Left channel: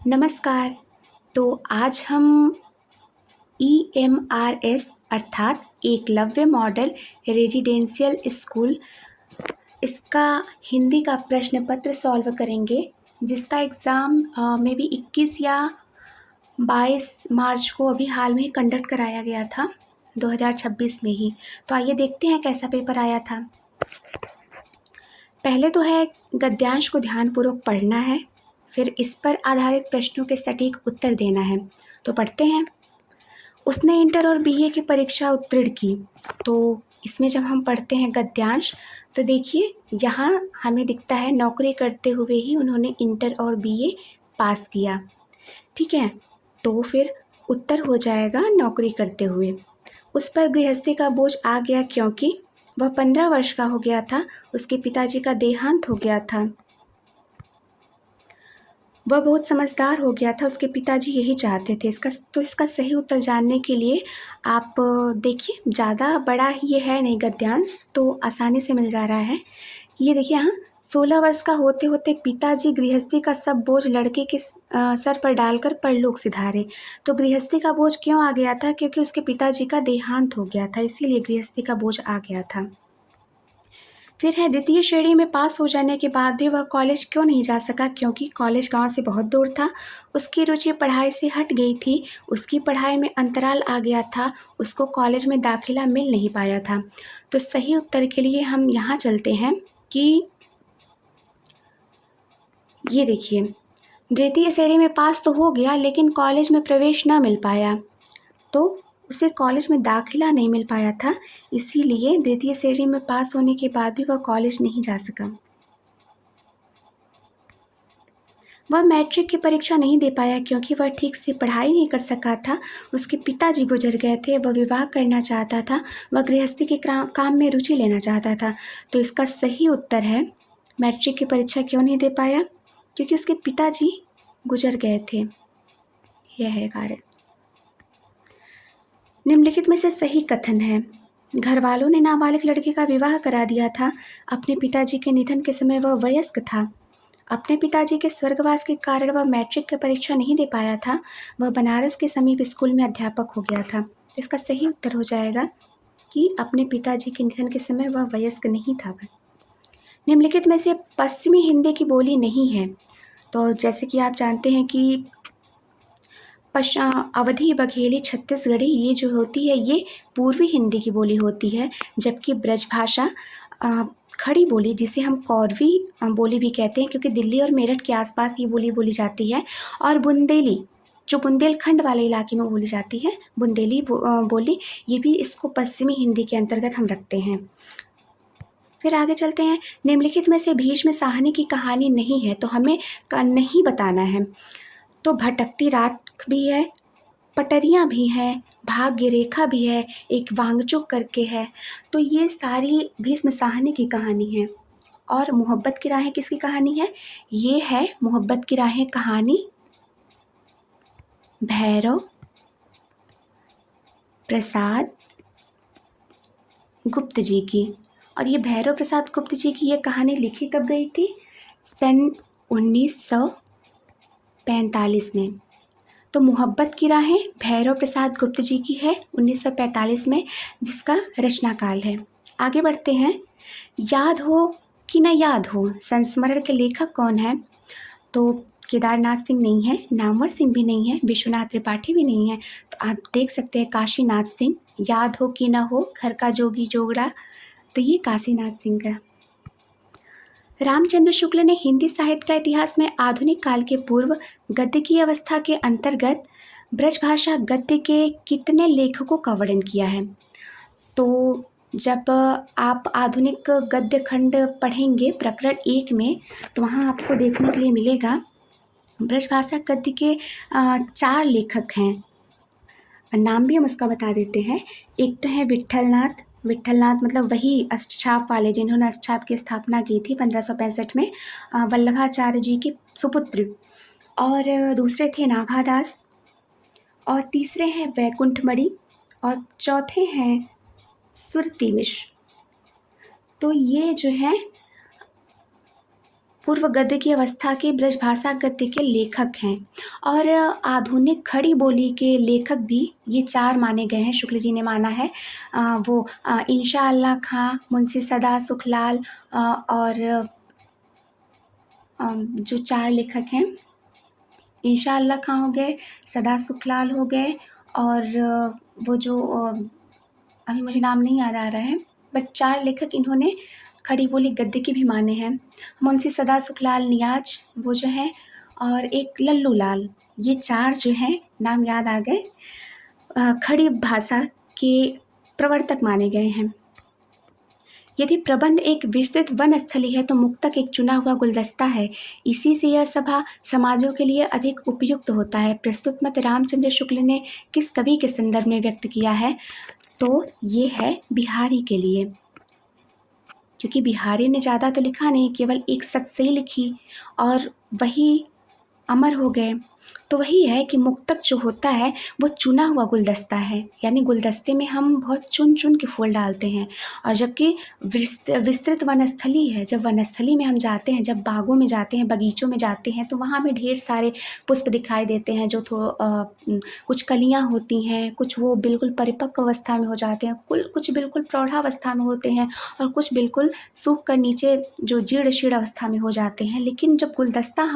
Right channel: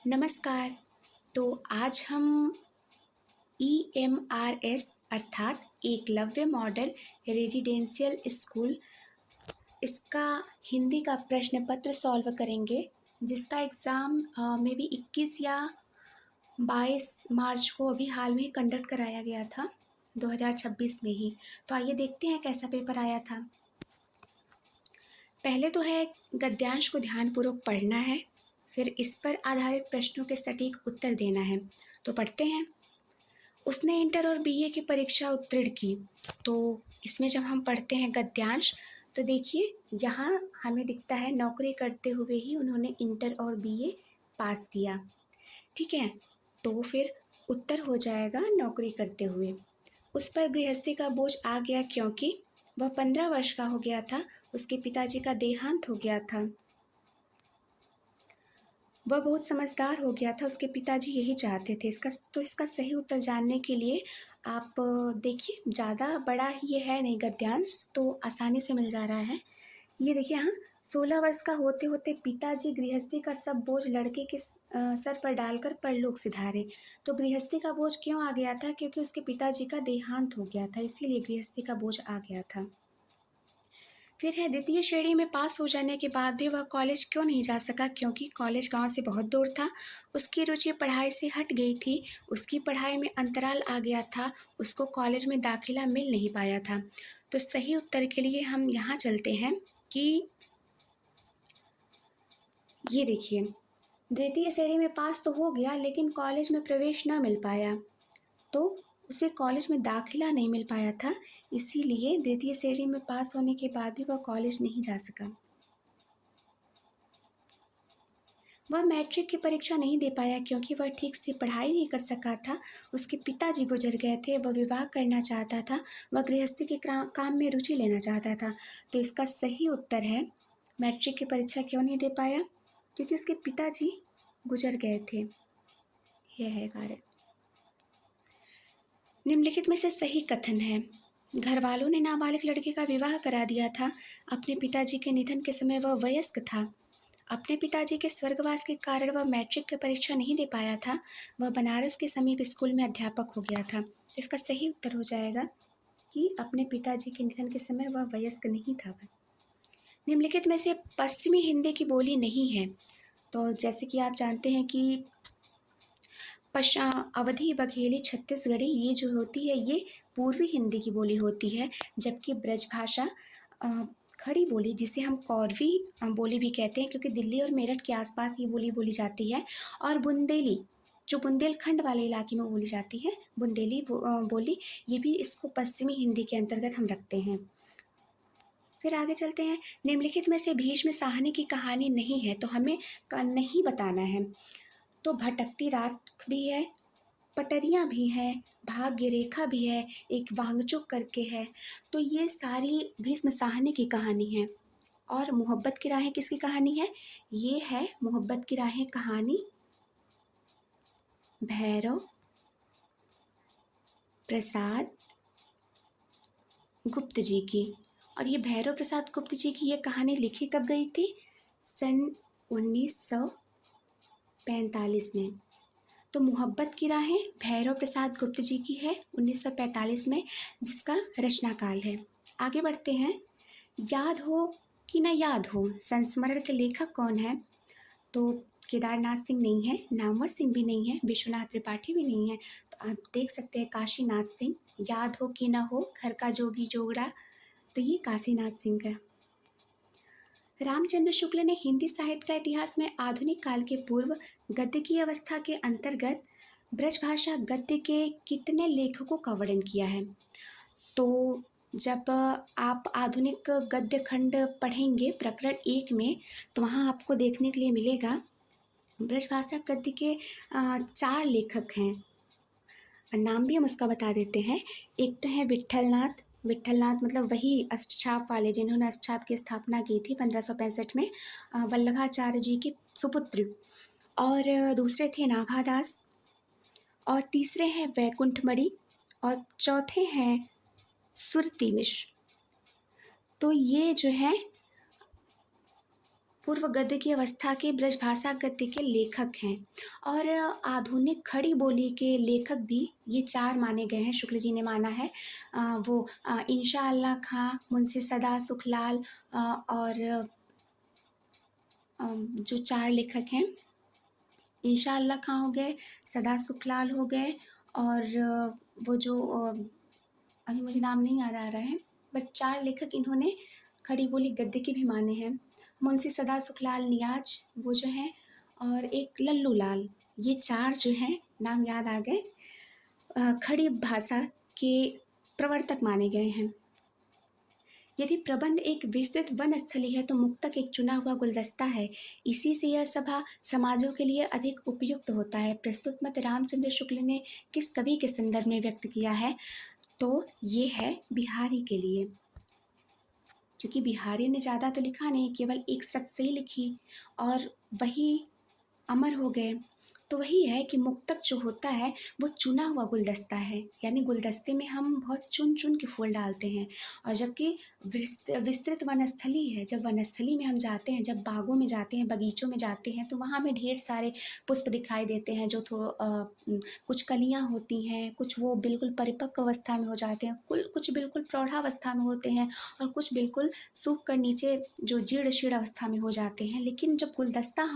नमस्कार। तो आज हम EMRS अर्थात एकलव्य मॉडल रेजिडेंशियल स्कूल इसका हिंदी का प्रश्न पत्र सॉल्व करेंगे, जिसका एग्ज़ाम मे बी 21 या 22 मार्च को अभी हाल में ही कंडक्ट कराया गया था, 2026 में ही। तो आइए देखते हैं कैसा पेपर आया था। पहले तो है गद्यांश को ध्यानपूर्वक पढ़ना है, फिर इस पर आधारित प्रश्नों के सटीक उत्तर देना है। तो पढ़ते हैं। उसने इंटर और BA की परीक्षा उत्तीर्ण की। तो इसमें जब हम पढ़ते हैं गद्यांश, तो देखिए यहाँ हमें दिखता है नौकरी करते हुए ही उन्होंने इंटर और BA पास किया। ठीक है, तो फिर उत्तर हो जाएगा नौकरी करते हुए। उस पर गृहस्थी का बोझ आ गया क्योंकि वह 15 वर्ष का हो गया था, उसके पिताजी का देहांत हो गया था। वह बहुत समझदार हो गया था, उसके पिताजी यही चाहते थे। इसका सही उत्तर जानने के लिए आप देखिए, ज़्यादा बड़ा ये है नहीं गद्यांश, तो आसानी से मिल जा रहा है। ये देखिए, हाँ, 16 वर्ष का होते होते पिताजी गृहस्थी का सब बोझ लड़के के सर पर डालकर परलोक सिधारे। तो गृहस्थी का बोझ क्यों आ गया था? क्योंकि उसके पिताजी का देहांत हो गया था, इसीलिए गृहस्थी का बोझ आ गया था। फिर है द्वितीय श्रेणी में पास हो जाने के बाद भी वह कॉलेज क्यों नहीं जा सका? क्योंकि कॉलेज गांव से बहुत दूर था, उसकी रुचि पढ़ाई से हट गई थी, उसकी पढ़ाई में अंतराल आ गया था, उसको कॉलेज में दाखिला मिल नहीं पाया था। तो सही उत्तर के लिए हम यहाँ चलते हैं कि ये देखिए, द्वितीय श्रेणी में पास तो हो गया लेकिन कॉलेज में प्रवेश ना मिल पाया, तो उसे कॉलेज में दाखिला नहीं मिल पाया था, इसीलिए द्वितीय श्रेणी में पास होने के बाद भी वह कॉलेज नहीं जा सका। वह मैट्रिक की परीक्षा नहीं दे पाया क्योंकि वह ठीक से पढ़ाई नहीं कर सका था, उसके पिताजी गुजर गए थे, वह विवाह करना चाहता था, वह गृहस्थी के काम में रुचि लेना चाहता था। तो इसका सही उत्तर है, मैट्रिक की परीक्षा क्यों नहीं दे पाया? क्योंकि उसके पिताजी गुजर गए थे, यह है कारण। निम्नलिखित में से सही कथन है। घर वालों ने नाबालिग लड़के का विवाह करा दिया था, अपने पिताजी के निधन के समय वह वयस्क था। अपने पिताजी के स्वर्गवास के कारण वह मैट्रिक की परीक्षा नहीं दे पाया था, वह बनारस के समीप स्कूल में अध्यापक हो गया था। इसका सही उत्तर हो जाएगा कि अपने पिताजी के निधन के समय वह वयस्क नहीं था। वह निम्नलिखित में से पश्चिमी हिंदी की बोली नहीं है। तो जैसे कि आप जानते हैं कि अवधी, बघेली, छत्तीसगढ़ी ये जो होती है ये पूर्वी हिंदी की बोली होती है, जबकि ब्रजभाषा खड़ी बोली, जिसे हम कौरवी बोली भी कहते हैं क्योंकि दिल्ली और मेरठ के आसपास ये बोली बोली जाती है, और बुंदेली जो बुंदेलखंड वाले इलाके में बोली जाती है, बुंदेली बोली, ये भी इसको पश्चिमी हिंदी के अंतर्गत हम रखते हैं। फिर आगे चलते हैं। निम्नलिखित में से भीष्म साहनी की कहानी नहीं है, तो हमें नहीं बताना है। तो भटकती रात भी है, पटरियाँ भी हैं, भाग्य रेखा भी है, एक वांगचुक करके है। तो ये सारी भीष्म साहनी की कहानी है। और मोहब्बत की राहें किसकी कहानी है? ये है मोहब्बत की राहें कहानी भैरव प्रसाद गुप्त जी की। और ये भैरव प्रसाद गुप्त जी की ये कहानी लिखी कब गई थी? सन 1945 में। तो मोहब्बत की राहें भैरव प्रसाद गुप्त जी की है 1945 में, जिसका रचनाकाल है। आगे बढ़ते हैं। याद हो कि न याद हो, संस्मरण के लेखक कौन है? तो केदारनाथ सिंह नहीं है, नामवर सिंह भी नहीं है, विश्वनाथ त्रिपाठी भी नहीं है। तो आप देख सकते हैं काशीनाथ सिंह। याद हो कि न हो, घर का जोगी जोगड़ा, तो ये काशीनाथ सिंह का। रामचंद्र शुक्ल ने हिंदी साहित्य का इतिहास में आधुनिक काल के पूर्व गद्य की अवस्था के अंतर्गत ब्रजभाषा गद्य के कितने लेखकों का वर्णन किया है? तो जब आप आधुनिक गद्य खंड पढ़ेंगे प्रकरण 1 में, तो वहाँ आपको देखने के लिए मिलेगा ब्रजभाषा गद्य के 4 लेखक हैं। नाम भी हम उसका बता देते हैं। एक तो है विट्ठलनाथ। विट्ठलनाथ मतलब वही अष्टछाप वाले जिन्होंने अष्टछाप की स्थापना की थी 1565 में, वल्लभाचार्य जी के सुपुत्र। और दूसरे थे नाभादास, और तीसरे हैं वैकुंठमणि, और चौथे हैं सुरती मिश्र। तो ये जो है पूर्व गद्य की अवस्था के ब्रजभाषा गद्य के लेखक हैं और आधुनिक खड़ी बोली के लेखक भी ये 4 माने गए हैं। शुक्ल जी ने माना है वो इंशा अल्लाह खां, मुंशी सदा सुखलाल और जो 4 लेखक हैं, इंशा अल्लाह खां हो गए, सदा सुखलाल हो गए और वो जो अभी मुझे नाम नहीं याद आ रहा है, बट 4 लेखक इन्होंने खड़ी बोली गद्य की भी माने हैं। मुंशी सदा सुखलाल नियाज वो जो है और एक लल्लू लाल, ये 4 जो हैं नाम याद आ गए, खड़ी भाषा के प्रवर्तक माने गए हैं। यदि प्रबंध एक विस्तृत वनस्थली है तो मुक्तक एक चुना हुआ गुलदस्ता है। इसी से यह सभा समाजों के लिए अधिक उपयुक्त होता है। प्रस्तुत मत रामचंद्र शुक्ल ने किस कवि के संदर्भ में व्यक्त किया है? तो ये है बिहारी के लिए, क्योंकि बिहारी ने ज़्यादा तो लिखा नहीं, केवल एक शब्द से ही लिखी और वही अमर हो गए। तो वही है कि मुक्तक जो होता है वो चुना हुआ गुलदस्ता है, यानी गुलदस्ते में हम बहुत चुन चुन के फूल डालते हैं। और जबकि विस्तृत वनस्थली है, जब वनस्थली में हम जाते हैं, जब बागों में जाते हैं, बगीचों में जाते हैं, तो वहाँ हमें ढेर सारे पुष्प दिखाई देते हैं जो कुछ कलियाँ होती हैं, कुछ वो बिल्कुल परिपक्व अवस्था में हो जाते हैं, कुछ बिल्कुल प्रौढ़ावस्था में होते हैं और कुछ बिल्कुल सूख कर नीचे जो जीर्ण शीर्ण अवस्था में हो जाते हैं। लेकिन जब गुलदस्ता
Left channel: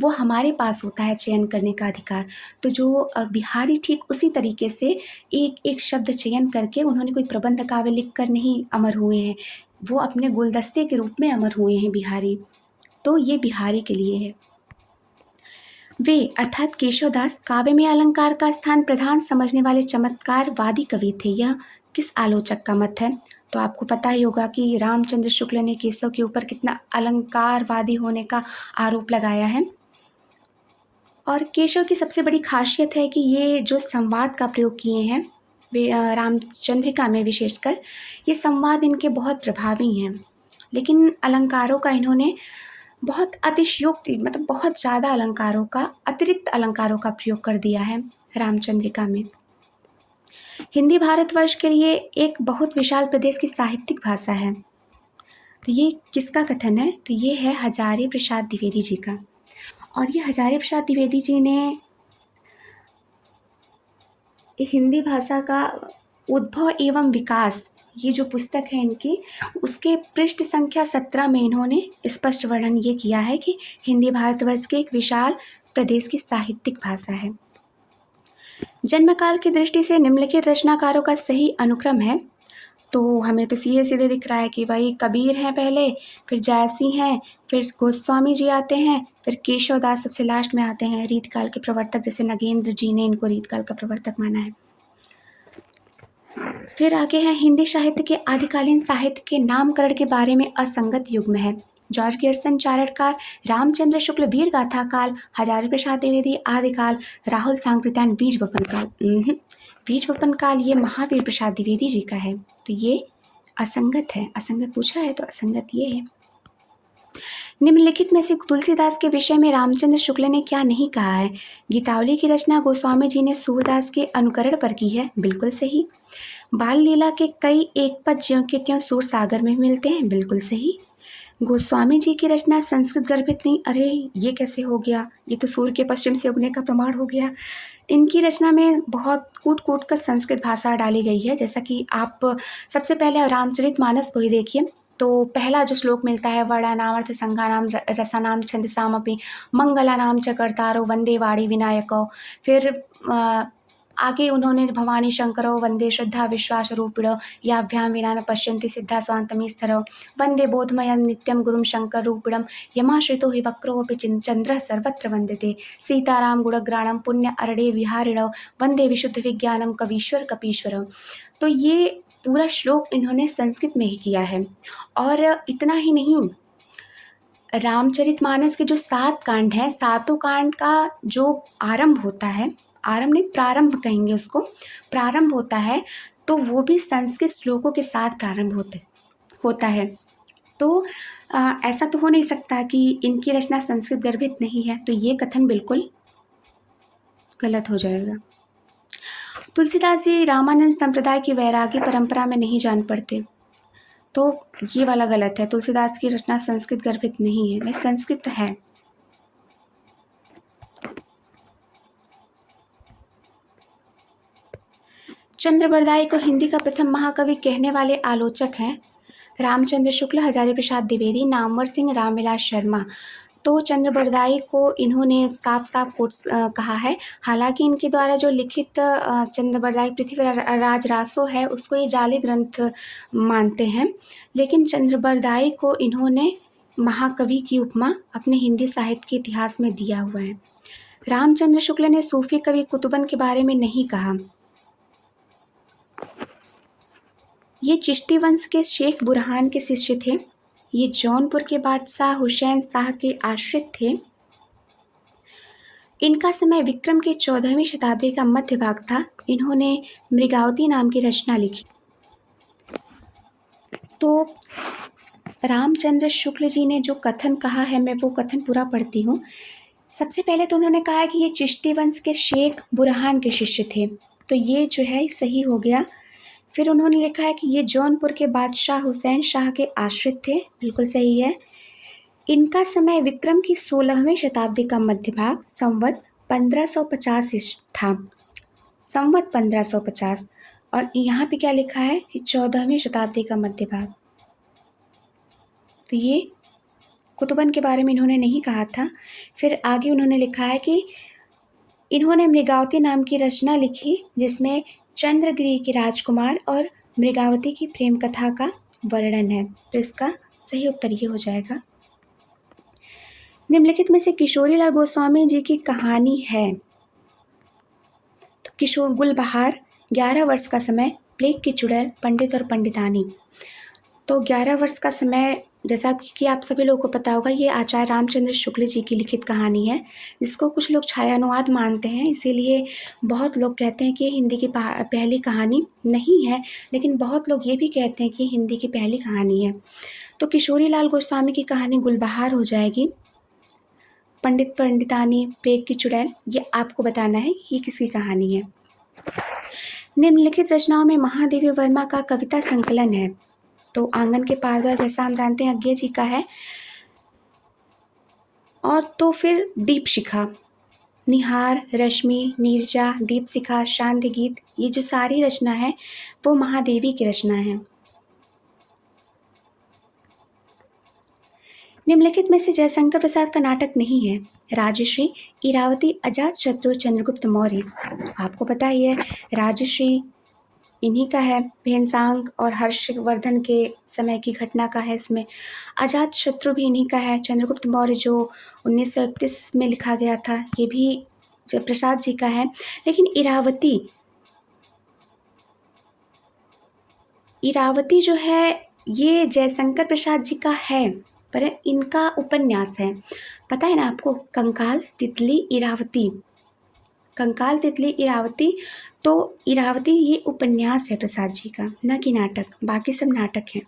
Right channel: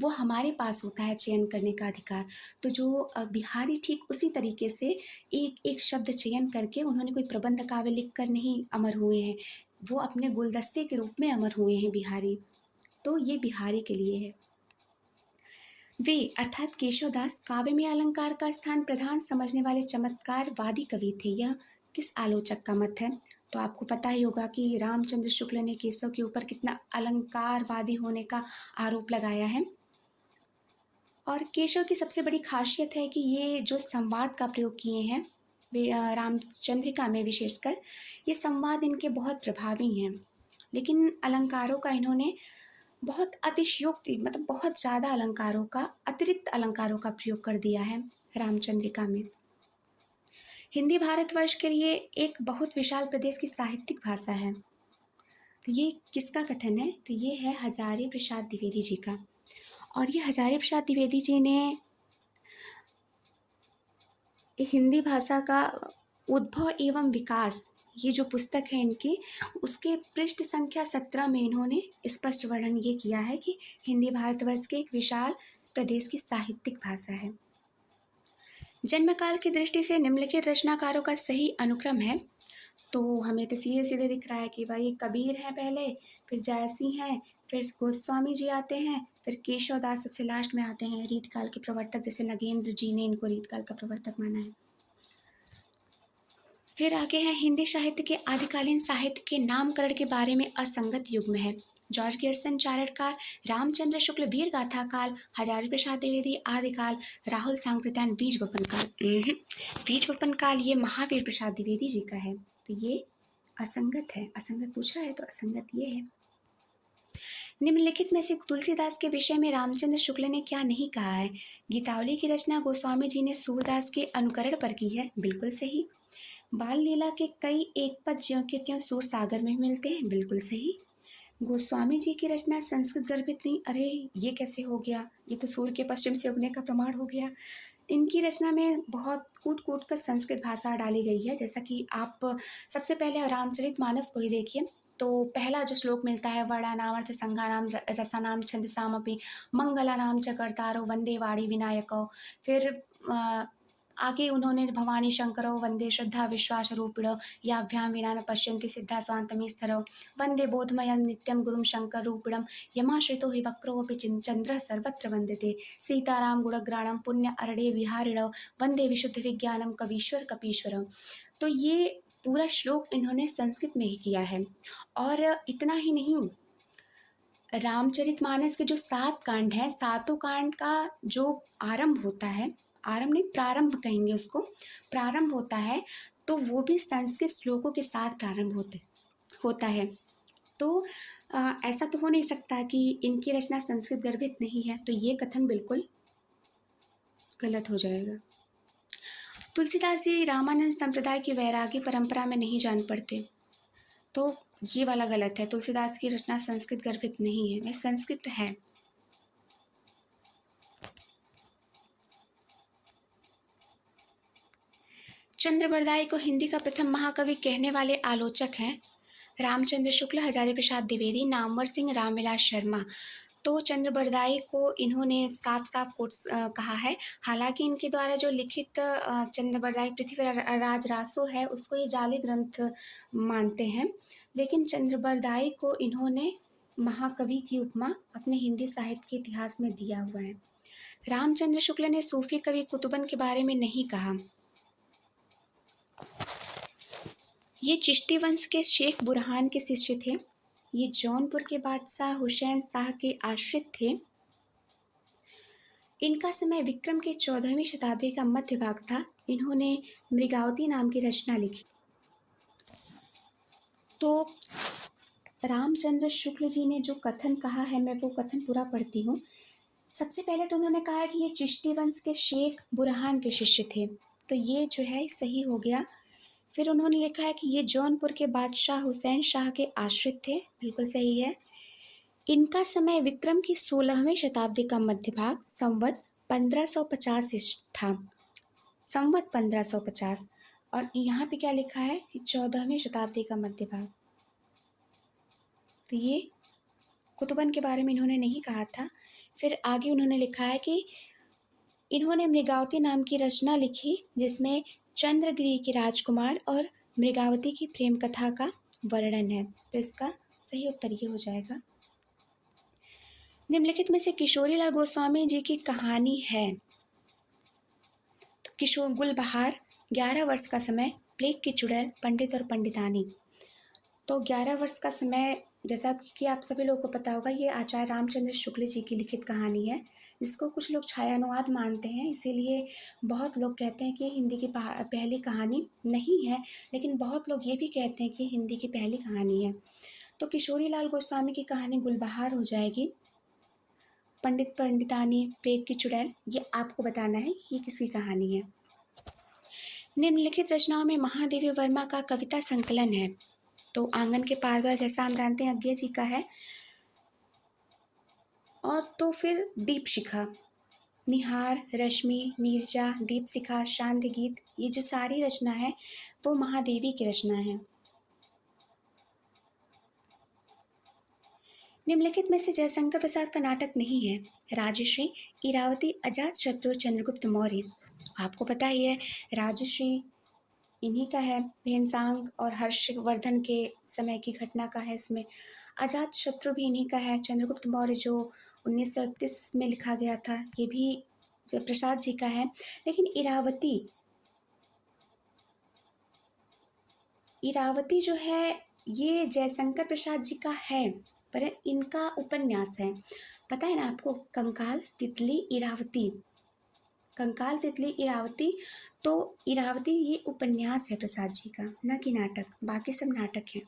वो हमारे पास होता है चयन करने का अधिकार। तो जो बिहारी ठीक उसी तरीके से एक एक शब्द चयन करके उन्होंने कोई प्रबंध काव्य लिख कर नहीं अमर हुए हैं, वो अपने गुलदस्ते के रूप में अमर हुए हैं बिहारी। तो ये बिहारी के लिए है। वे अर्थात केशवदास काव्य में अलंकार का स्थान प्रधान समझने वाले चमत्कारवादी कवि थे। यह किस आलोचक का मत है? तो आपको पता ही होगा कि रामचंद्र शुक्ल ने केशव के ऊपर कितना अलंकारवादी होने का आरोप लगाया है। और केशव की सबसे बड़ी खासियत है कि ये जो संवाद का प्रयोग किए हैं वे रामचंद्रिका में विशेषकर, ये संवाद इनके बहुत प्रभावी हैं। लेकिन अलंकारों का इन्होंने बहुत अतिशयोक्ति, मतलब बहुत ज़्यादा अलंकारों का, अतिरिक्त अलंकारों का प्रयोग कर दिया है रामचंद्रिका में। हिंदी भारतवर्ष के लिए एक बहुत विशाल प्रदेश की साहित्यिक भाषा है। तो ये किसका कथन है? तो ये है हजारी प्रसाद द्विवेदी जी का। और ये हजारी प्रसाद द्विवेदी जी ने हिंदी भाषा का उद्भव एवं विकास, ये जो पुस्तक है इनकी, उसके पृष्ठ संख्या 17 में इन्होंने स्पष्ट वर्णन ये किया है कि हिंदी भारतवर्ष के एक विशाल प्रदेश की साहित्यिक भाषा है। जन्मकाल की दृष्टि से निम्नलिखित रचनाकारों का सही अनुक्रम है। तो हमें तो सीधे सीधे दिख रहा है कि भाई कबीर हैं पहले, फिर जायसी हैं, फिर गोस्वामी जी आते हैं, फिर केशवदास सबसे लास्ट में आते हैं, रीतकाल के प्रवर्तक, जैसे नगेंद्र जी ने इनको रीतकाल का प्रवर्तक माना है। फिर आगे है हिंदी साहित्य के आदिकालीन साहित्य के नामकरण के बारे में असंगत युग्म है। जॉर्ज गियर्सन चारणकार, रामचंद्र शुक्ल वीर गाथा काल, हजारी प्रसाद द्विवेदी आदिकाल, राहुल सांकृत्यायन बीज वपन काल। बीज वपन काल ये महावीर प्रसाद द्विवेदी जी का है। तो ये असंगत है, असंगत पूछा है तो असंगत ये है। निम्नलिखित में से तुलसीदास के विषय में रामचंद्र शुक्ल ने क्या नहीं कहा है? गीतावली की रचना गोस्वामी जी ने सूरदास के अनुकरण पर की है, बिल्कुल सही। बाल लीला के कई एक पद ज्यों के त्यों सूर सागर में मिलते हैं, बिल्कुल सही। गोस्वामी जी की रचना संस्कृत गर्भित नहीं, अरे ये कैसे हो गया, ये तो सूर्य के पश्चिम से उगने का प्रमाण हो गया। इनकी रचना में बहुत कूट कूट कर संस्कृत भाषा डाली गई है। जैसा कि आप सबसे पहले रामचरितमानस को ही देखिए, तो पहला जो श्लोक मिलता है, वर्णानाम अर्थ संज्ञानाम रसानाम छंदसामपि मंगलानाम च कर्तारो वंदे वाणी विनायको। फिर आगे उन्होंने भवानी शंकरो वंदे श्रद्धा विश्वास रूपिणो याभ्याम विना न पश्यन्ति सिद्धा स्वान्तमी स्थरो वंदे बोधमयं नित्यं गुरुं शंकर रूपिणं यमाश्रितो हि वक्रोऽपि चंद्रः सर्वत्र वंदते सीताराम गुणग्राणं पुण्य अरणे विहारिणो वंदे विशुद्ध विज्ञानम कवीश्वर कपीश्वरो। तो ये पूरा श्लोक इन्होंने संस्कृत में ही किया है। और इतना ही नहीं, रामचरितमानस के जो 7 कांड हैं, सातों कांड का जो आरंभ होता है, आरंभ नहीं प्रारंभ कहेंगे उसको, प्रारंभ होता है तो वो भी संस्कृत श्लोकों के साथ प्रारंभ होता है। तो ऐसा तो हो नहीं सकता कि इनकी रचना संस्कृत गर्भित नहीं है, तो ये कथन बिल्कुल गलत हो जाएगा। तुलसीदास जी रामानंद संप्रदाय की वैरागी परंपरा में नहीं जान पड़ते। तो ये वाला गलत है। तुलसीदास की रचना संस्कृत गर्भित नहीं है, वह संस्कृत है। चंद्र बरदाई को हिंदी का प्रथम महाकवि कहने वाले आलोचक हैं रामचंद्र शुक्ल, हजारी प्रसाद द्विवेदी, नामवर सिंह, रामविलास शर्मा। तो चंद्र बरदाई को इन्होंने साफ साफ कोट्स कहा है। हालांकि इनके द्वारा जो लिखित चंद्र बरदाई पृथ्वीराज रासो है उसको ये जाली ग्रंथ मानते हैं, लेकिन चंद्र बरदाई को इन्होंने महाकवि की उपमा अपने हिंदी साहित्य के इतिहास में दिया हुआ है। रामचंद्र शुक्ल ने सूफी कवि कुतुबन के बारे में नहीं कहा। ये चिश्ती वंश के शेख बुरहान के शिष्य थे। ये जौनपुर के बादशाह हुसैन शाह के आश्रित थे। इनका समय विक्रम के 14वीं शताब्दी का मध्य भाग था। इन्होंने मृगावती नाम की रचना लिखी। तो रामचंद्र शुक्ल जी ने जो कथन कहा है, मैं वो कथन पूरा पढ़ती हूँ। सबसे पहले तो उन्होंने कहा कि ये चिश्ती वंश के शेख बुरहान के शिष्य थे, तो ये जो है सही हो गया। फिर उन्होंने लिखा है कि ये जौनपुर के बादशाह हुसैन शाह के आश्रित थे, बिल्कुल सही है। इनका समय विक्रम की 16वीं शताब्दी का मध्य भाग संवत 1550 था, संवत 1550। और यहाँ पे क्या लिखा है कि 14वीं शताब्दी का मध्य भाग। तो ये कुतुबन के बारे में इन्होंने नहीं कहा था। फिर आगे उन्होंने लिखा है कि इन्होंने मृगावती नाम की रचना लिखी जिसमें चंद्रगिरी के राजकुमार और मृगावती की प्रेम कथा का वर्णन है। तो इसका सही उत्तर ये हो जाएगा। निम्नलिखित में से किशोरीलाल गोस्वामी जी की कहानी है। तो किशोर गुलबहार, 11 वर्ष का समय, प्लेग की चुड़ैल, पंडित और पंडितानी। तो 11 वर्ष का समय, जैसा कि आप सभी लोगों को पता होगा, ये आचार्य रामचंद्र शुक्ल जी की लिखित कहानी है, जिसको कुछ लोग छायानुवाद मानते हैं। इसीलिए बहुत लोग कहते हैं कि हिंदी की पहली कहानी नहीं है, लेकिन बहुत लोग ये भी कहते हैं कि हिंदी की पहली कहानी है। तो किशोरीलाल गोस्वामी की कहानी गुलबहार हो जाएगी। पंडित पंडितानी, प्लेग की चुड़ैल, ये आपको बताना है ये किसकी कहानी है। निम्नलिखित रचनाओं में महादेवी वर्मा का कविता संकलन है। तो आंगन के पारद्वार, जैसा हम जानते हैं, अज्ञे जी का है। और तो फिर दीपशिखा, निहार, रश्मि, नीरजा, दीपशिखा, शांति गीत, ये जो सारी रचना है वो महादेवी की रचना है। निम्नलिखित में से जयशंकर प्रसाद का नाटक नहीं है। राजश्री, इरावती, अजातशत्रु, चंद्रगुप्त मौर्य। आपको पता ही है राजश्री इन्हीं का है, भेनसांग और हर्षवर्धन के समय की घटना का है इसमें। अजातशत्रु भी इन्हीं का है। चंद्रगुप्त मौर्य जो 1931 में लिखा गया था, ये भी प्रसाद जी का है। लेकिन इरावती जो है ये जयशंकर प्रसाद जी का है, पर इनका उपन्यास है। पता है ना आपको, कंकाल, तितली, इरावती, कंकाल, तितली, इरावती। तो इरावती ये उपन्यास है प्रसाद जी का, न कि नाटक। बाकी सब नाटक हैं।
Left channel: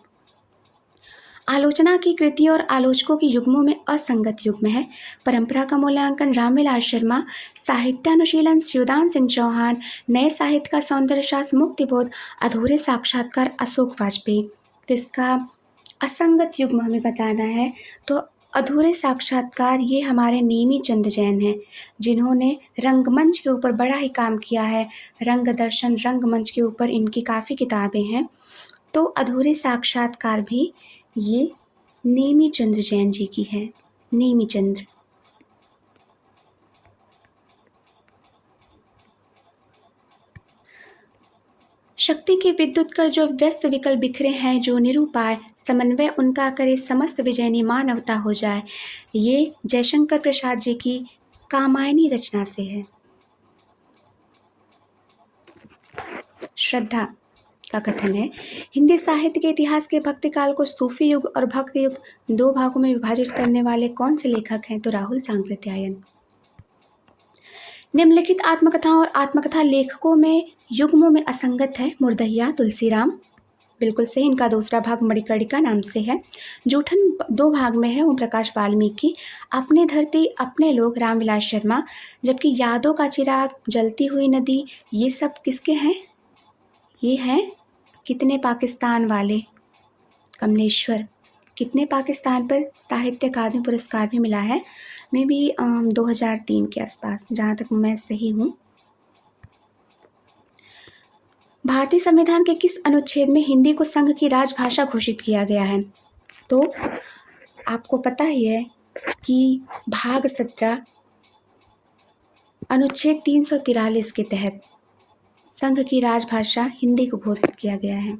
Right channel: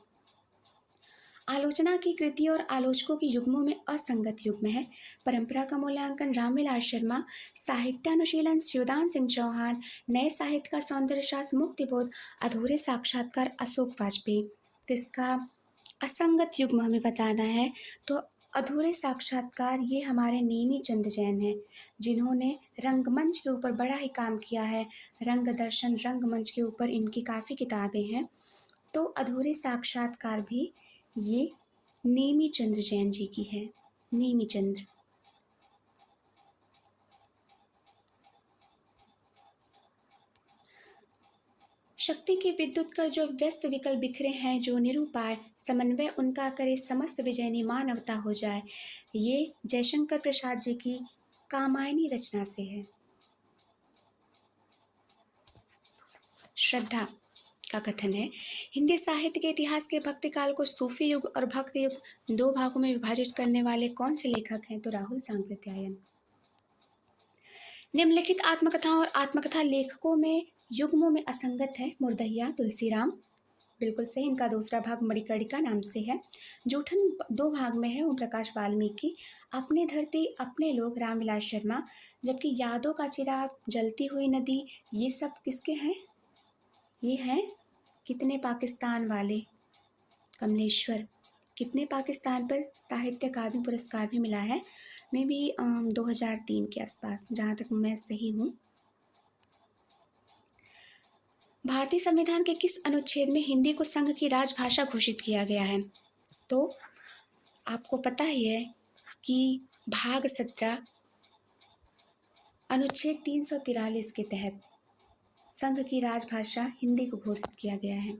आलोचना की कृति और आलोचकों की युग्मों में असंगत युग्म है। परंपरा का मूल्यांकन रामविलास शर्मा, साहित्यानुशीलन शिवदान सिंह चौहान, नए साहित्य का सौंदर्य शास्त्र मुक्तिबोध, अधूरे साक्षात्कार अशोक वाजपेयी। तो इसका असंगत युग्म हमें बताना है। तो अधूरे साक्षात्कार ये हमारे नेमी चंद जैन हैं, जिन्होंने रंगमंच के ऊपर बड़ा ही काम किया है। रंग दर्शन, रंगमंच के ऊपर इनकी काफ़ी किताबें हैं। तो अधूरे साक्षात्कार भी ये नेमी चंद जैन जी की है। नेमी चंद्र। शक्ति के विद्युत कर जो व्यस्त विकल बिखरे हैं, जो निरूपाय समन्वय उनका करे, समस्त विजयनी मानवता हो जाए। ये जयशंकर प्रसाद जी की कामायनी रचना से है। श्रद्धा का कथन है, हिंदी साहित्य के इतिहास के भक्ति काल को सूफी युग और भक्ति युग दो भागों में विभाजित करने वाले कौन से लेखक हैं? तो राहुल सांकृत्यायन। निम्नलिखित आत्मकथाओं और आत्मकथा लेखकों में युग्मों में असंगत है। मुर्दहिया, तुलसीराम, बिल्कुल सही। इनका दूसरा भाग मणिकर्णिका नाम से है। जूठन 2 भाग में है, ओम प्रकाश वाल्मीकि। अपने धरती अपने लोग, रामविलास शर्मा। जबकि यादों का चिराग, जलती हुई नदी, ये सब किसके हैं? ये हैं कितने पाकिस्तान वाले, कमलेश्वर। कितने पाकिस्तान पर साहित्य अकादमी पुरस्कार भी मिला है? मे बी 2003 के आसपास, जहाँ तक मैं सही हूँ। भारतीय संविधान के किस अनुच्छेद में हिंदी को संघ की राजभाषा घोषित किया गया है? तो आपको पता ही है कि भाग 17 अनुच्छेद 343 के तहत संघ की राजभाषा हिंदी को घोषित किया गया है।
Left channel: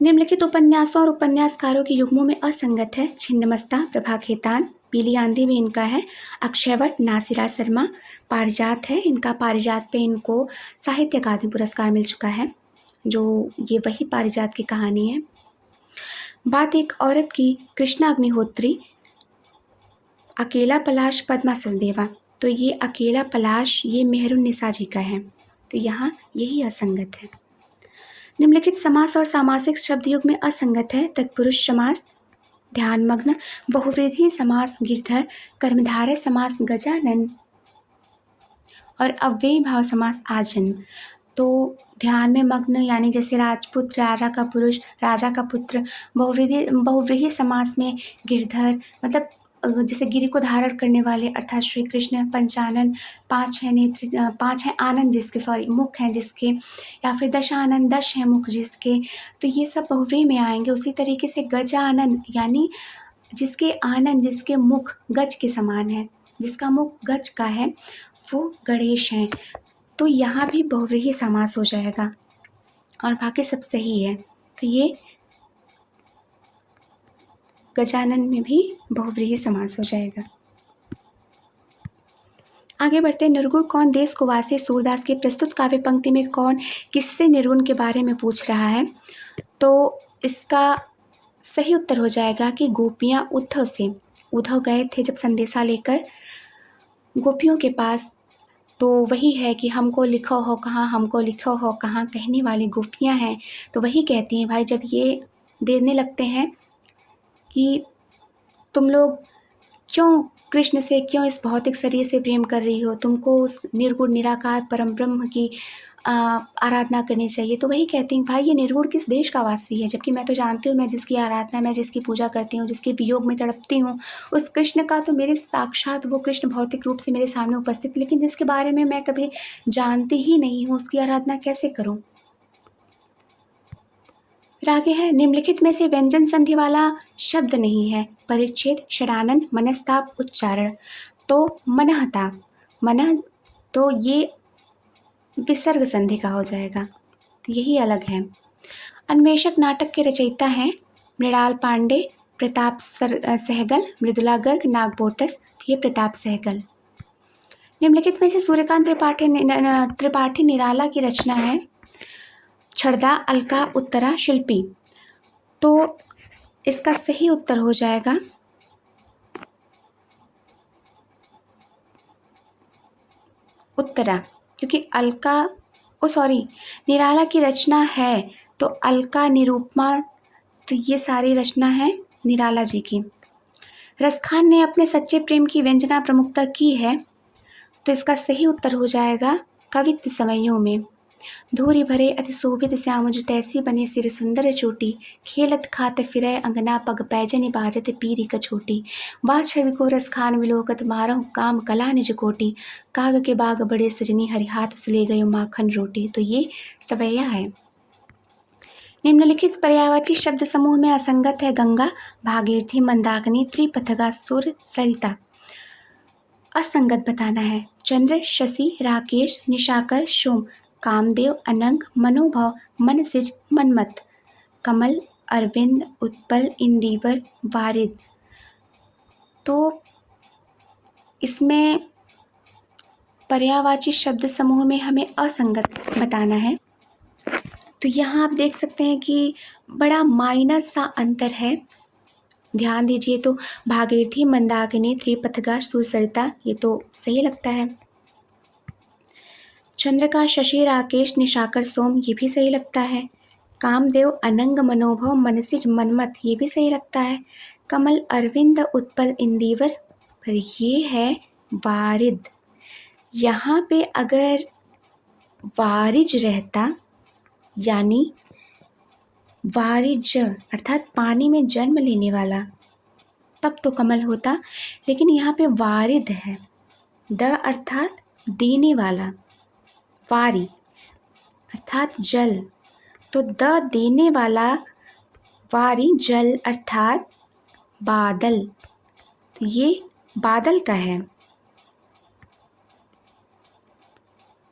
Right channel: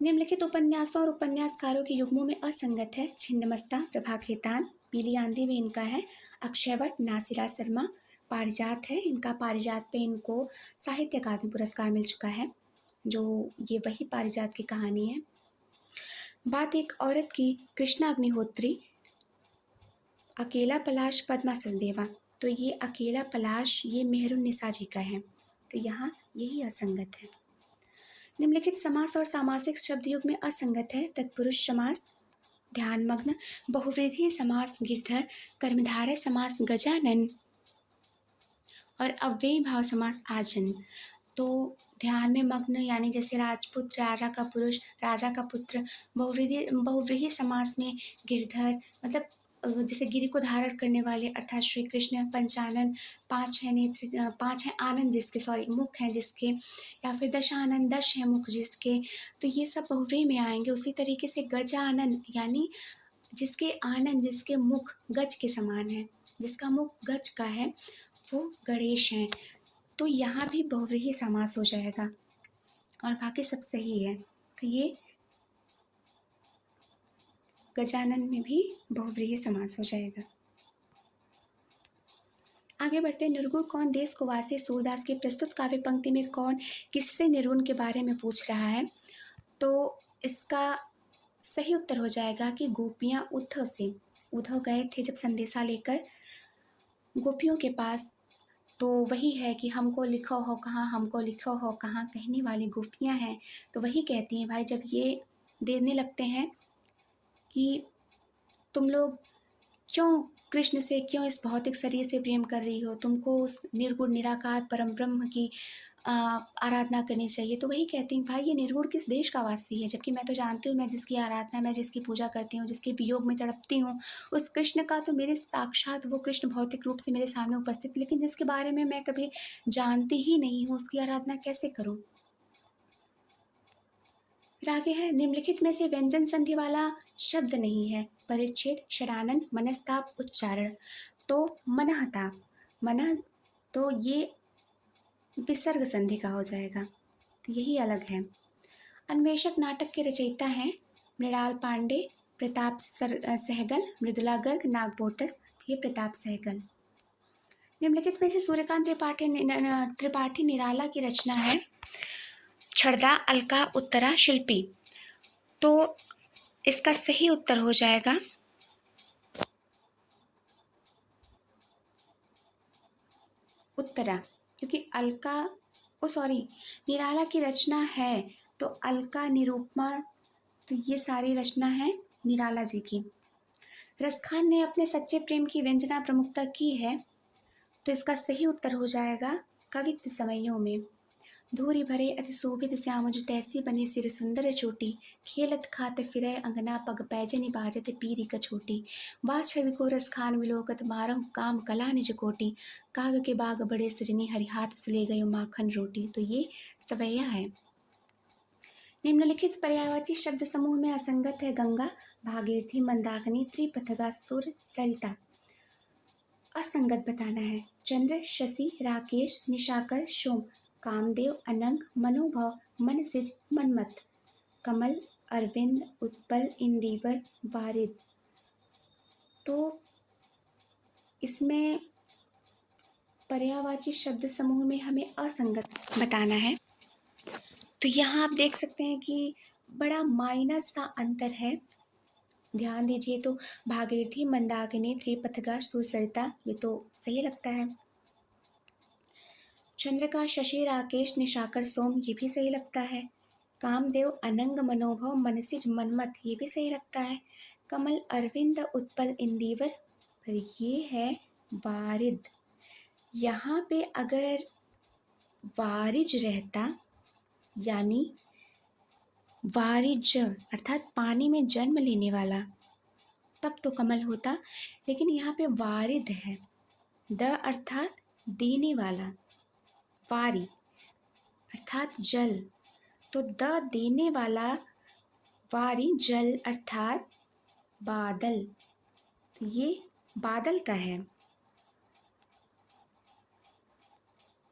निम्नलिखित उपन्यासों और उपन्यासकारों के युग्मों में असंगत है। छिन्नमस्ता, प्रभा खेतान। पीली आंधी में इनका है अक्षयवट, नासिरा शर्मा। पारिजात है इनका, पारिजात पे इनको साहित्य अकादमी पुरस्कार मिल चुका है, जो ये वही पारिजात की कहानी है। बात एक औरत की, कृष्णा अग्निहोत्री। अकेला पलाश, पद्मा सचदेवा। तो ये अकेला पलाश ये मेहरुन्निसा जी का है, तो यहाँ यही असंगत है। निम्नलिखित समास और सामासिक शब्द युग में असंगत है। तत्पुरुष समास ध्यानमग्न, बहुव्रीहि समास गिरधर, कर्मधारय समास गजानन और अव्ययी भाव समास आजन्म। तो ध्यान में मग्न यानी जैसे राजपुत्र, राजा का पुरुष, राजा का पुत्र। बहुव्रीहि समास में गिरधर मतलब जैसे गिरि को धारण करने वाले अर्थात श्री कृष्ण। पंचानन, 5 है नेत्र, 5 है आनंद जिसके, सॉरी मुख हैं जिसके, या फिर दशानन, 10 है मुख जिसके, तो ये सब बहुव्रीहि में आएंगे। उसी तरीके से गजानन यानी जिसके आनंद, जिसके मुख गज के समान है, जिसका मुख गज का है, वो गणेश हैं। तो यहाँ भी बहुव्रीहि समास हो जाएगा और बाकी सब सही है। तो ये गजानन में भी बहुव्रीहि समास हो जाएगा। आगे बढ़ते हैं। निर्गुण कौन देश को वासी सूरदास की प्रस्तुत काव्य पंक्ति में कौन किससे निर्गुण के बारे में पूछ रहा है? तो इसका सही उत्तर हो जाएगा कि गोपियाँ उद्धव गए थे जब संदेशा लेकर गोपियों के पास, तो वही है कि हमको लिखो हो कहाँ, हमको लिखो हो कहाँ, कहने वाली गोपियाँ हैं। तो वही कहती हैं भाई, जब ये देने लगते हैं कि तुम लोग क्यों कृष्ण से, क्यों इस भौतिक शरीर से प्रेम कर रही हो, तुमको उस निर्गुण निराकार परम ब्रह्म की आराधना करनी चाहिए। तो वही कहती हैं भाई ये निर्गुण किस देश का वासी है, जबकि मैं तो जानती हूँ, मैं जिसकी आराधना, मैं जिसकी पूजा करती हूँ, जिसके वियोग में तड़पती हूँ, उस कृष्ण का तो मेरे साक्षात वो कृष्ण भौतिक रूप से मेरे सामने उपस्थित, लेकिन जिसके बारे में मैं कभी जानती ही नहीं हूँ, उसकी आराधना कैसे करूँ। फिर आगे है, निम्नलिखित में से व्यंजन संधि वाला शब्द नहीं है। परिच्छेद, षडानन, मनस्ताप, उच्चारण। तो मनहता, मन, तो ये विसर्ग संधि का हो जाएगा, तो यही अलग है। अन्वेषक नाटक के रचयिता हैं मृणाल पांडे, प्रताप सहगल, मृदुला गर्ग, नागबोटस। ये प्रताप सहगल। निम्नलिखित में से सूर्यकांत त्रिपाठी निराला की रचना है छड़दा, अलका, उत्तरा, शिल्पी। तो इसका सही उत्तर हो जाएगा उत्तरा, क्योंकि अलका, निराला की रचना है, तो अलका, निरूपमा, तो ये सारी रचना है निराला जी की। रसखान ने अपने सच्चे प्रेम की व्यंजना प्रमुखता की है, तो इसका सही उत्तर हो जाएगा कवित्व समयों में। धूरी भरे अति शोभित श्याम जो तैसी बने सिर सुंदर चोटी, खेलत खात फिरै अंगना पग पैजनि बाजत पीरी कछोटी, वाह छवि को रसखान विलोकत मारहु काम कला निज कोटि, काग के बाग बड़े सजनी हरि हाथ सुले गयो माखन रोटी। तो ये सवैया है। निम्नलिखित पर्यायवाची शब्द समूह में असंगत है। गंगा, भागीरथी, मंदाकिनी, त्रिपथगा, सुर, सरिता। असंगत बताना है। चंद्र, शशि, राकेश, निशाकर, सोम। कामदेव, अनंग, मनोभव, मनसिज, मनमत। कमल, अरविंद, उत्पल, इंदिवर, वारिद। तो इसमें पर्यायवाची शब्द समूह में हमें असंगत बताना है। तो यहाँ आप देख सकते हैं कि बड़ा माइनर सा अंतर है, ध्यान दीजिए। तो भागीरथी, मंदाकिनी, त्रिपथगा, सुसरिता, ये तो सही लगता है। चंद्रका, शशि, राकेश, निशाकर, सोम, ये भी सही लगता है। कामदेव, अनंग, मनोभव, मनसिज, मनमत, ये भी सही लगता है। कमल, अरविंद, उत्पल, इंदिवर, पर ये है वारिद। यहाँ पे अगर वारिज रहता, यानी वारिज अर्थात पानी में जन्म लेने वाला, तब तो कमल होता, लेकिन यहाँ पे वारिद है। द अर्थात देने वाला, वारी अर्थात जल, तो द देने वाला वारी जल अर्थात बादल, तो ये बादल का है।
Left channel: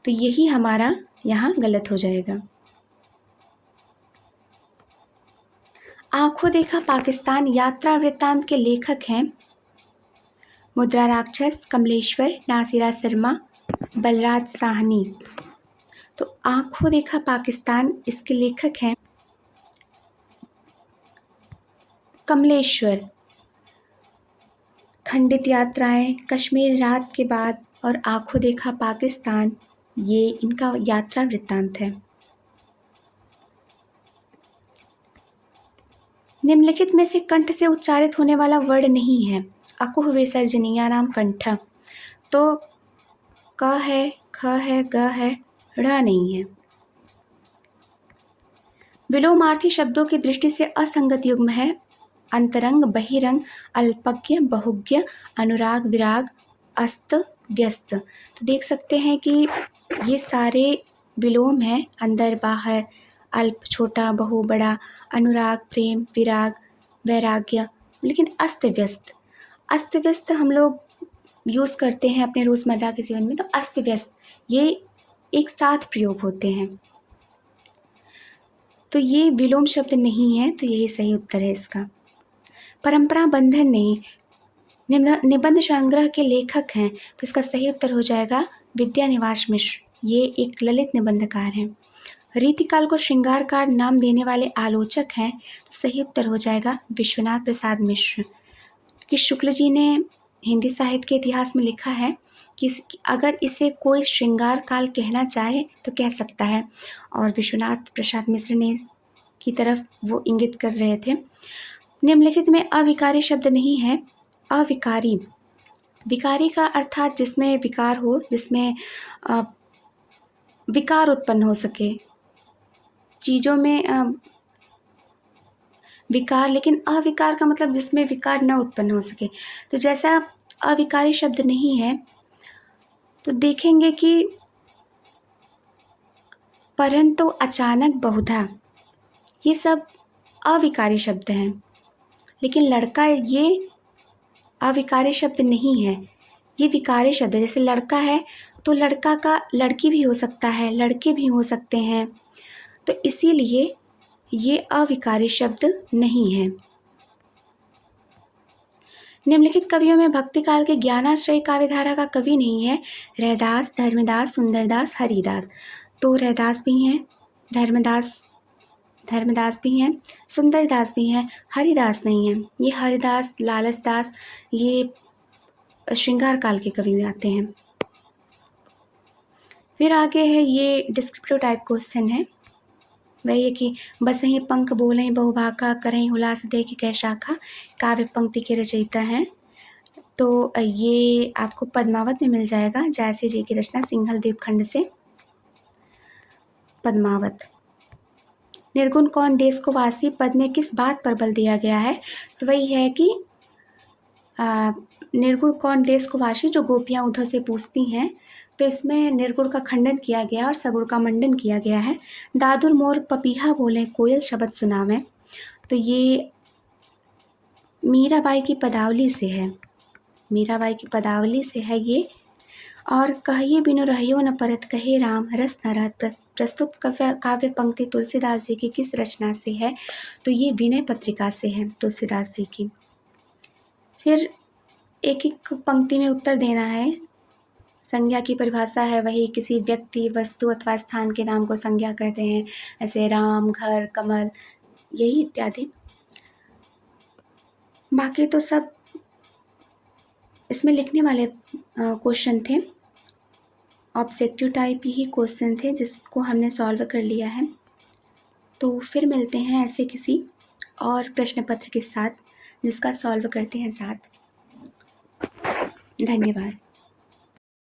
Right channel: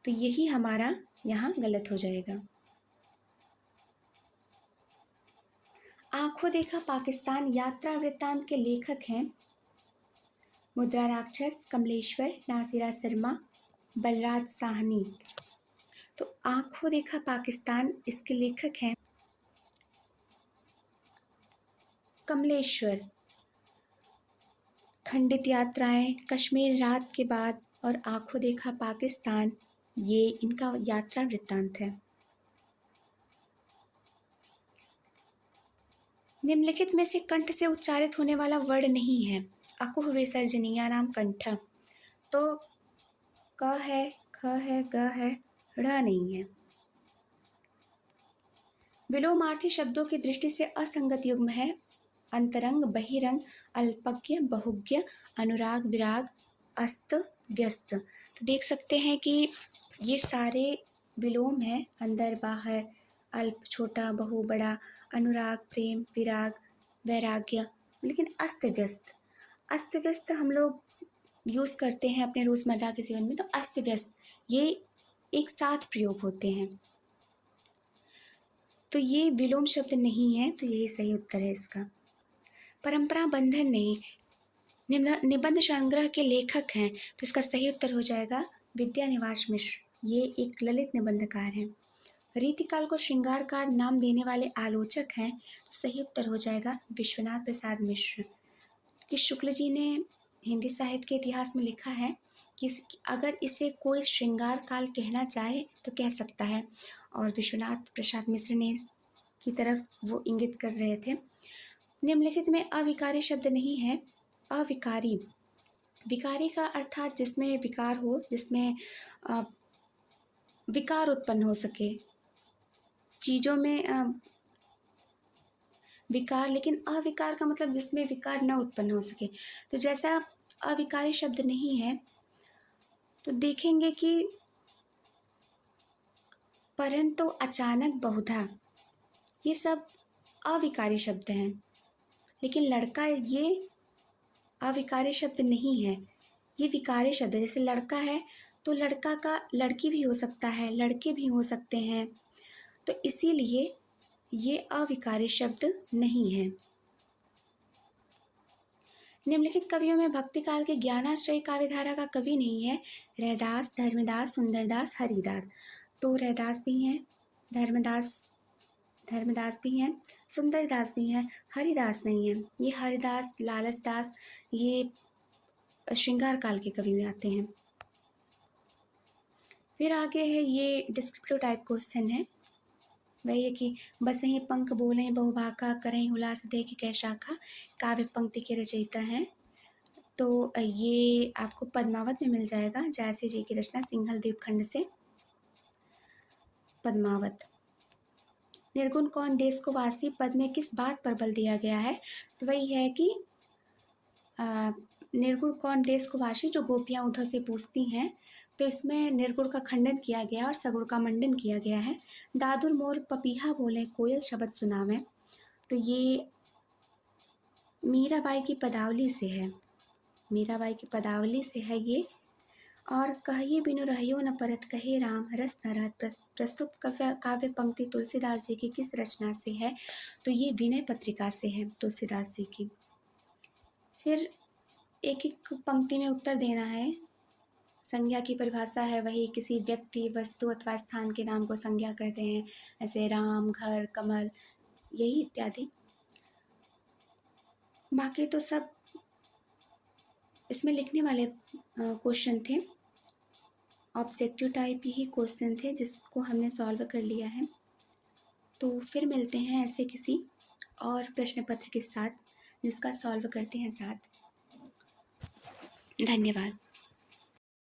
तो यही हमारा यहाँ गलत हो जाएगा। आंखों देखा पाकिस्तान यात्रा वृत्तांत के लेखक हैं मुद्रा राक्षस, कमलेश्वर, नासिरा शर्मा, बलराज साहनी। तो आंखों देखा पाकिस्तान, इसके लेखक हैं कमलेश्वर। खंडित यात्राएं, कश्मीर रात के बाद और आंखों देखा पाकिस्तान, ये इनका यात्रा वृत्तांत है। निम्नलिखित में से कंठ से उच्चारित होने वाला वर्ण नहीं है। अकुह विसर्जनीय नाम कंठ, तो क है, ख है, ग है, ड़ नहीं है। विलोमार्थी शब्दों की दृष्टि से असंगत युग्म है अंतरंग, बहिरंग, अल्पज्ञ, बहुज्ञ, अनुराग, विराग, अस्त, व्यस्त। तो देख सकते हैं कि ये सारे विलोम हैं, अंदर बाहर, अल्प छोटा, बहु बड़ा, अनुराग प्रेम, विराग वैराग्य, लेकिन अस्त व्यस्त, अस्त व्यस्त हम लोग यूज़ करते हैं अपने रोज़मर्रा के जीवन में, तो अस्त व्यस्त ये एक साथ प्रयोग होते हैं। तो ये विलोम शब्द नहीं है, तो यही सही उत्तर है इसका। परंपरा बंधन नहीं, निबंध संग्रह के लेखक हैं, तो इसका सही उत्तर हो जाएगा विद्यानिवास मिश्र, ये एक ललित निबंधकार हैं। रीतिकाल को श्रृंगारकार नाम देने वाले आलोचक हैं, तो सही उत्तर हो जाएगा विश्वनाथ प्रसाद मिश्र। कि शुक्ल जी ने हिंदी साहित्य के इतिहास में लिखा है कि अगर इसे कोई श्रृंगार काल कहना चाहे तो कह सकता है, और विश्वनाथ प्रसाद मिश्र ने की तरफ वो इंगित कर रहे थे। निम्नलिखित में अविकारी शब्द नहीं है। अविकारी, विकारी का अर्थात जिसमें विकार हो, जिसमें विकार उत्पन्न हो सके, चीज़ों में विकार, लेकिन अविकार का मतलब जिसमें विकार न उत्पन्न हो सके। तो जैसा अविकारी शब्द नहीं है, तो देखेंगे कि परंतु, अचानक, बहुधा, ये सब अविकारी शब्द हैं। लेकिन लड़का ये अविकारी शब्द नहीं है, ये विकारी शब्द है। जैसे लड़का है तो लड़का का लड़की भी हो सकता है, लड़के भी हो सकते हैं, तो इसीलिए ये अविकारी शब्द नहीं है। निम्नलिखित कवियों में भक्ति काल के ज्ञानाश्रय काव्यधारा का कवि नहीं है। रैदास, धर्मदास, सुंदरदास, हरिदास। तो रैदास भी हैं, धर्मदास भी हैं, सुंदरदास भी हैं, हरिदास नहीं हैं। ये हरिदास, लालचदास, ये श्रृंगार काल के कवि में आते हैं। फिर आगे है ये डिस्क्रिप्टिव टाइप क्वेश्चन है, वही है कि बसहीं पंख बोलें बहुभाखा, करहीं हुलास देख कै शाखा, काव्य पंक्ति के रचयिता हैं। तो ये आपको पद्मावत में मिल जाएगा, जैसे जी की रचना सिंघल द्वीपखंड से पद्मावत। निर्गुण कौन देश को वासी पद में किस बात पर बल दिया गया है? तो वही है कि निर्गुण कौन देश को वासी, जो गोपियाँ उद्धव से पूछती हैं, तो इसमें निर्गुण का खंडन किया गया और सगुण का मंडन किया गया है। दादुर मोर पपीहा बोले कोयल शब्द सुनावें, तो ये मीराबाई की पदावली से है, मीराबाई की पदावली से है ये। और कहिए बिनु रहियो न परत कहे राम, रस न रहत प्रस्तुत काव्य पंक्ति तुलसीदास जी की किस रचना से है? तो ये विनय पत्रिका से है, तुलसीदास जी की। फिर एक एक पंक्ति में उत्तर देना है। संज्ञा की परिभाषा है वही, किसी व्यक्ति, वस्तु अथवा स्थान के नाम को संज्ञा कहते हैं, ऐसे राम, घर, कमल, यही इत्यादि। बाकी तो सब इसमें लिखने वाले क्वेश्चन थे, ऑब्जेक्टिव टाइप ही क्वेश्चन थे, जिसको हमने सॉल्व कर लिया है। तो फिर मिलते हैं ऐसे किसी और प्रश्न पत्र के साथ, जिसका सॉल्व करते हैं साथ। धन्यवाद।